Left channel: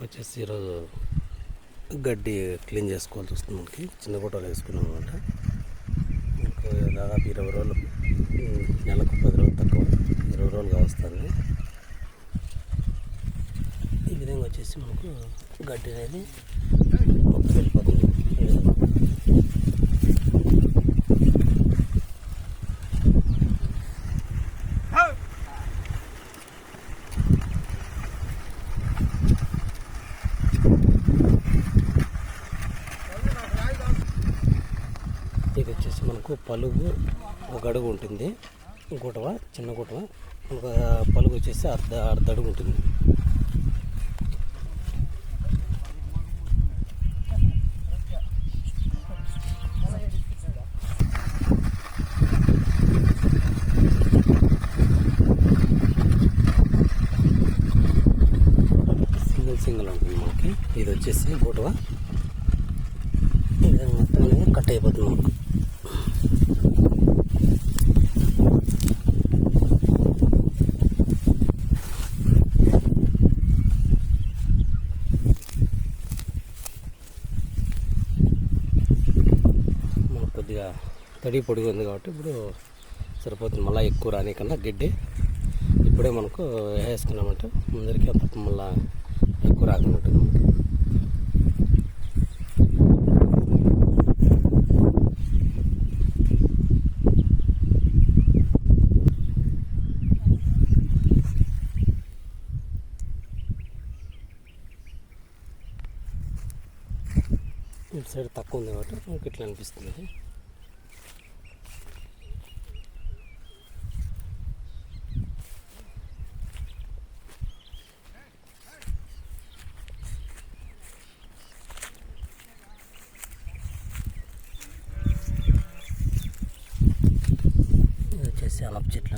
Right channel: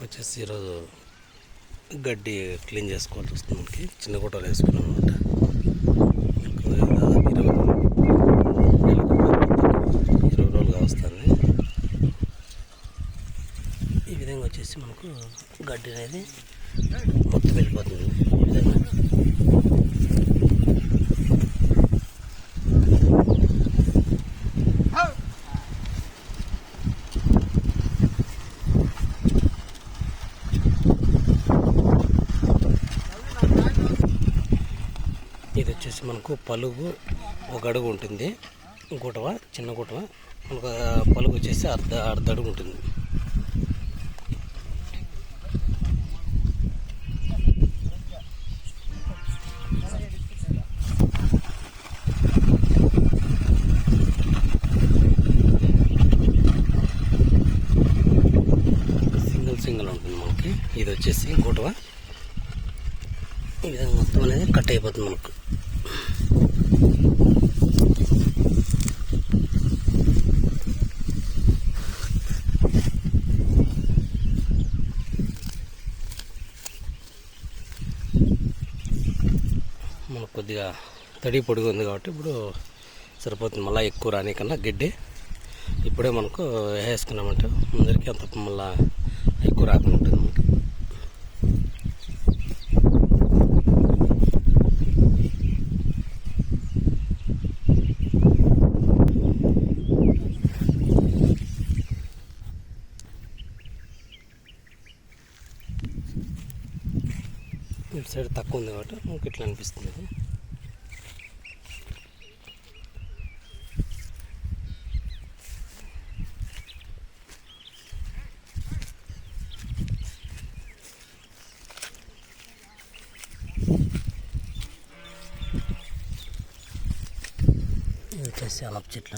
మనకు వచ్చేసి ఈరోజు గడ్డి క్లీన్ చేసుకోవాల్సి వస్తుంది. మనకి చిన్న గుట్టలు వేసుకున్నాం అనమాట. దాదాపు 20 రోజులుగా వస్తుంది. ఈ విధంగా వచ్చేసి మనకు గడ్డి అనేది మొత్తం వెళ్ళిపోతుంది. ఈ విధంగా ఇది వచ్చేసి మనకు పలుగు ఒక అడుగు ఉంటుంది. గుటవ చిన్న గుటవ మనకు పలుగు వచ్చేసి అర్ధ అడుగు ఉంటుంది. సింగిల్ ఉంటుంది మనకి. ఇది వచ్చేసి గుటవ ఈ విధంగా మొత్తం అనేది కట్ అయిపోతుంది మనకు. మనకు కొద్దిగా తడి పొడిగా ఉంది కాబట్టి ఇప్పుడు సరిపోతుంది. మళ్ళీ ఎక్కువ రాని కన్నా గడ్డి ఇప్పుడే మనకు వేసుకున్నామంటే ముందరికి అంత మళ్ళీ ఎక్కువ రాకుండా ఉంటుంది మనకి. ఇటు సైడ్ తక్కువ ఉంది కాబట్టి మనకి ఇట్లా అనిపిస్తుంది. ఇది వచ్చేసి అలప చెట్ల